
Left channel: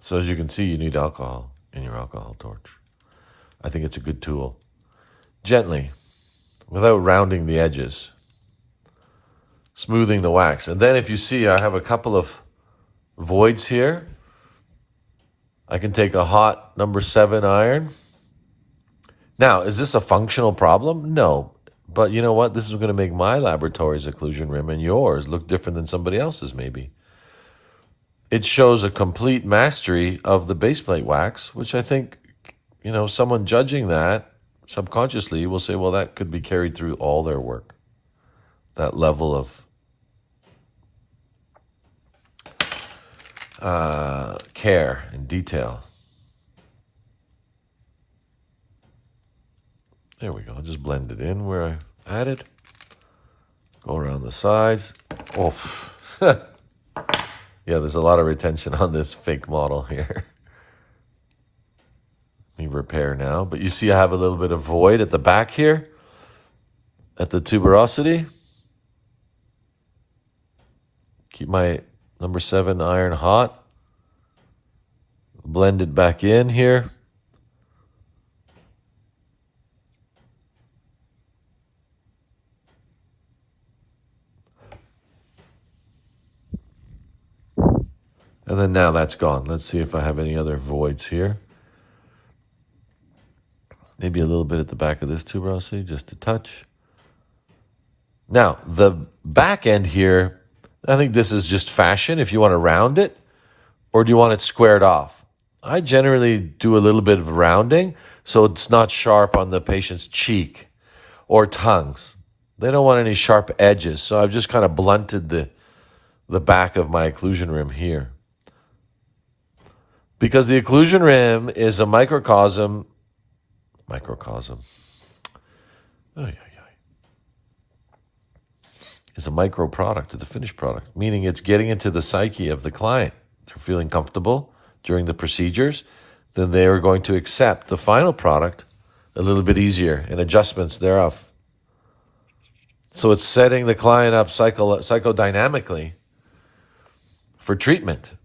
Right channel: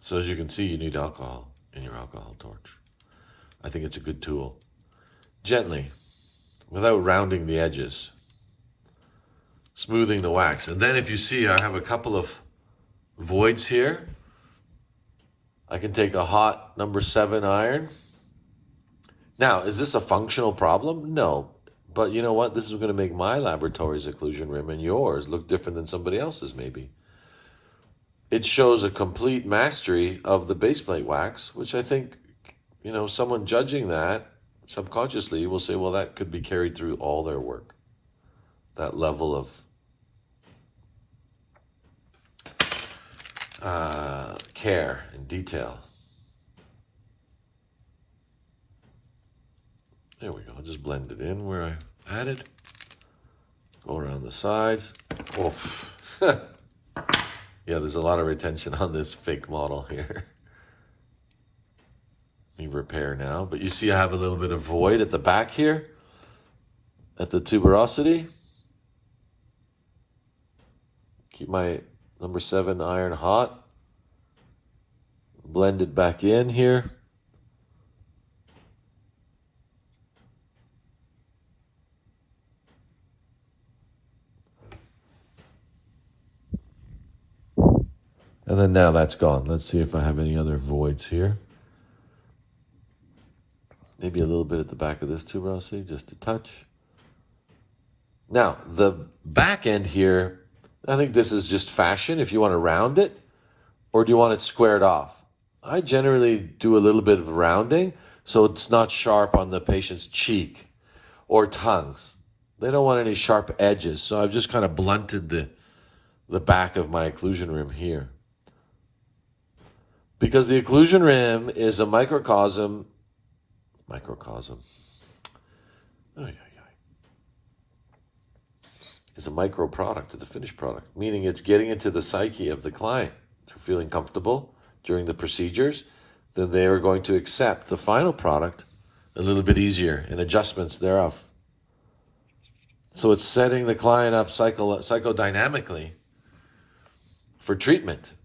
So as you can see, you need alcohol in your alcohol torch. I think it's a good tool. Gently, without rounding the edges. Smoothing the wax. And then if you see, I have a couple of voids here. I can take a hot number 7 iron. Now, is this a functional problem? No. But you know what? This is going to make my laboratory's occlusion rim and yours look different than somebody else's maybe. It shows a complete mastery of the base plate wax, which I think, someone judging that subconsciously will say, well, that could be carried through all their work. That level of care and detail. There we go. Just blend it in where I added. Go around the sides. Oh, yeah, there's a lot of retention on this fake model here. Let me repair now. But you see I have a little bit of void at the back here, at the tuberosity. Keep my number 7 iron hot. Blend it back in here. And then now that's gone. Let's see if I have any other voids here. Maybe a little bit at the back of this tuberosity, just a touch. Now, the back end here, I think this is just fashion if you want to round it, or do you want it squared off? I generally do a little bit of rounding so it's not sharp on the patient's cheek or tongues. They don't want any sharp edges, so I've just kind of blunted the back of my occlusion rim here. Because the occlusion rim is a microcosm. It's a micro product of the finished product, meaning it's getting into the psyche of the client. They're feeling comfortable during the procedures, then they are going to accept the final product a little bit easier and adjustments thereof. So it's setting the client up psychodynamically for treatment.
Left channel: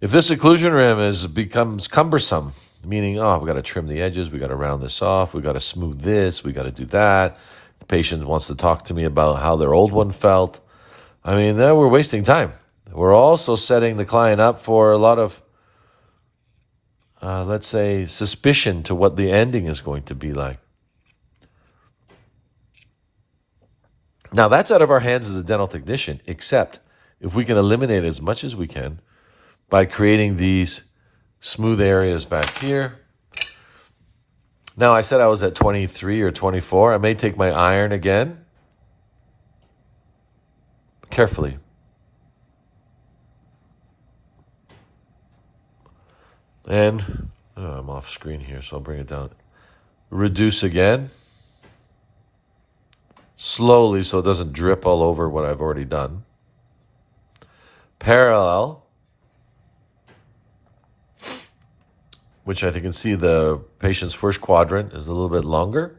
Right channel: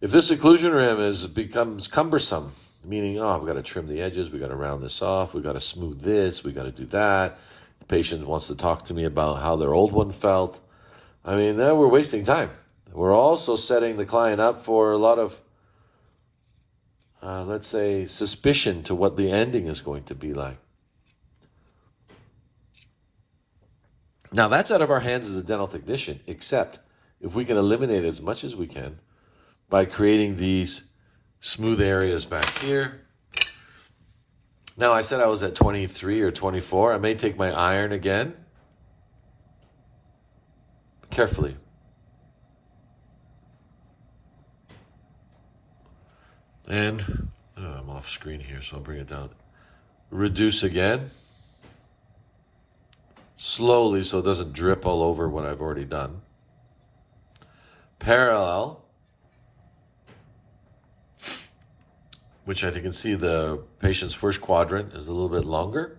If this occlusion rim becomes cumbersome, meaning, oh, we got to trim the edges, we got to round this off, we got to smooth this, we got to do that. The patient wants to talk to me about how their old one felt. I mean, then we're wasting time. We're also setting the client up for a lot of, let's say, suspicion to what the ending is going to be like. Now, that's out of our hands as a dental technician, except if we can eliminate as much as we can by creating these smooth areas back here. Now, I said I was at 23 or 24. I may take my iron again. Carefully. And I'm off screen here, so I'll bring it down. Reduce again. Slowly so it doesn't drip all over what I've already done. Parallel. Which I think you can see the patient's first quadrant is a little bit longer.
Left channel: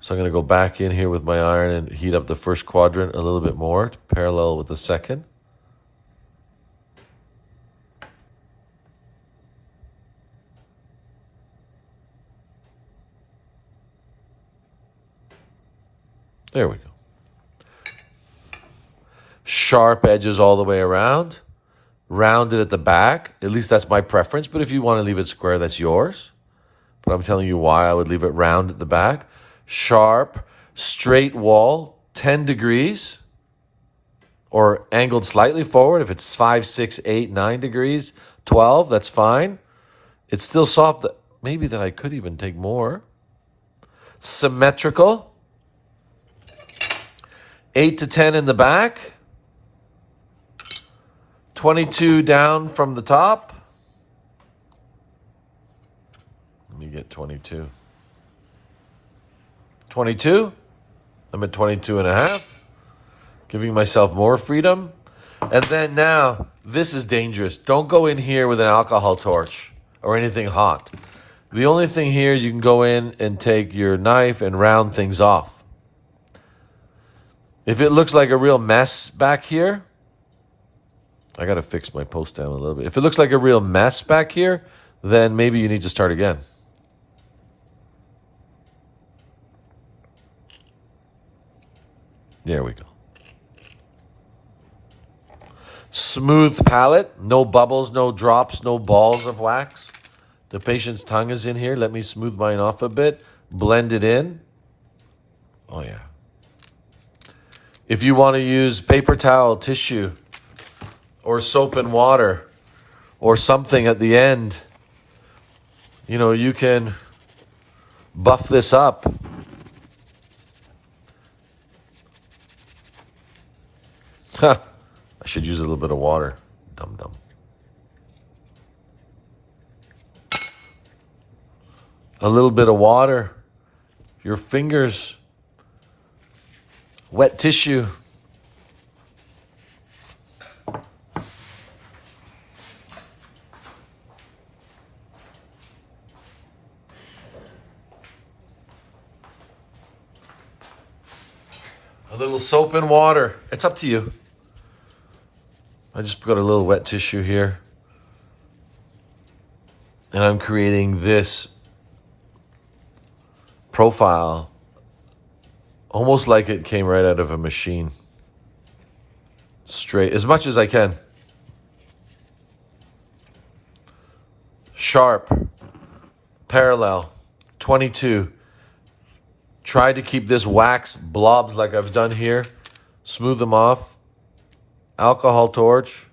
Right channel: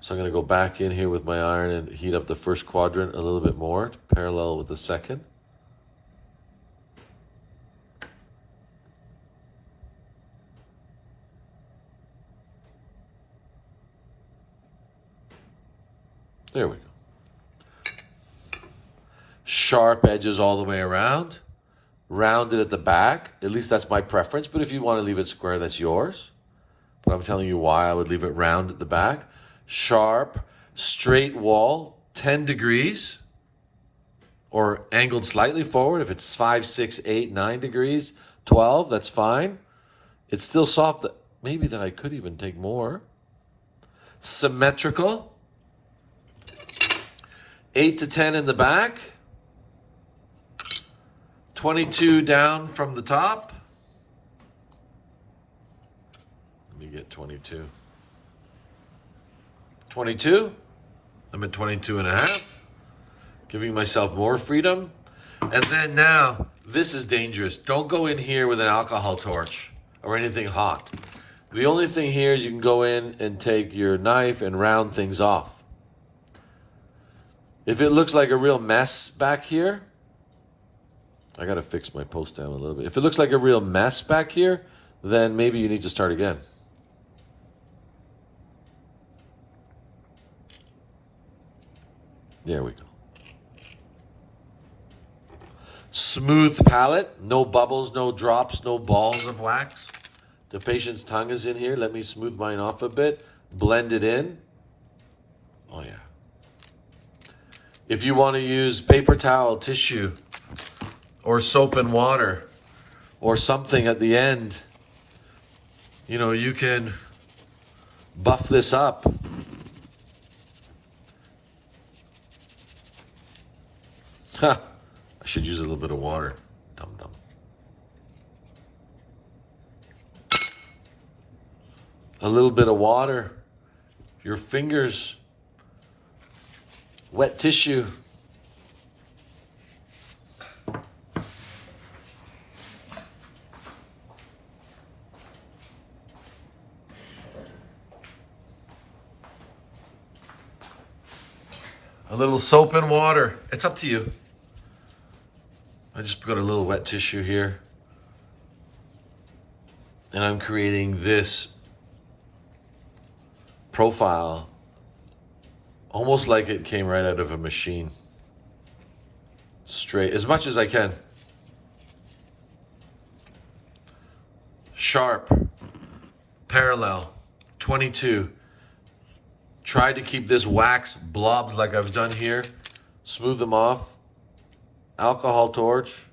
So I'm going to go back in here with my iron and heat up the first quadrant a little bit more to parallel with the second. There we go. Sharp edges all the way around. Rounded at the back. At least that's my preference. But if you want to leave it square, that's yours. But I'm telling you why I would leave it round at the back. Sharp, straight wall, 10 degrees. Or angled slightly forward. If it's 5, 6, 8, 9 degrees, 12, that's fine. It's still soft. Maybe that I could even take more. Symmetrical. 8 to 10 in the back. 22 down from the top. Let me get 22. 22. I'm at 22 and a half. Giving myself more freedom. And then now, this is dangerous. Don't go in here with an alcohol torch or anything hot. The only thing here is you can go in and take your knife and round things off. If it looks like a real mess back here, I got to fix my post down a little bit. If it looks like a real mess back here, then maybe you need to start again. There we go. Smooth palate, no bubbles, no drops, no balls of wax. The patient's tongue is in here. Let me smooth mine off a bit. Blend it in. Oh, yeah. If you want to use paper towel, tissue, or soap and water, or something at the end, you know, you can buff this up. I should use a little bit of water. Dum-dum. A little bit of water. Your fingers. Wet tissue. A little soap and water. It's up to you. I just got a little wet tissue here. And I'm creating this profile almost like it came right out of a machine. Straight, as much as I can. Sharp, parallel, 22. Try to keep this wax blobs like I've done here. Smooth them off. Alcohol torch.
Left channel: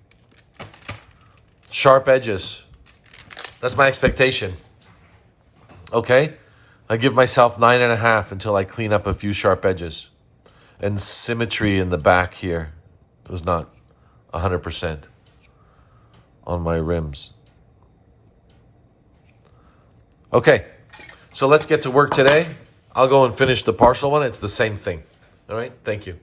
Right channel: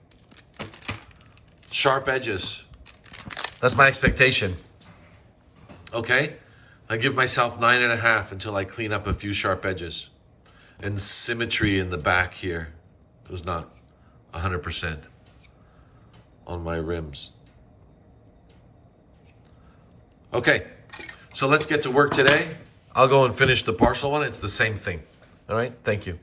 Sharp edges. That's my expectation. Okay? I give myself 9.5 until I clean up a few sharp edges. And symmetry in the back here. It was not 100% on my rims. Okay, so let's get to work today. I'll go and finish the partial one. It's the same thing. All right, thank you.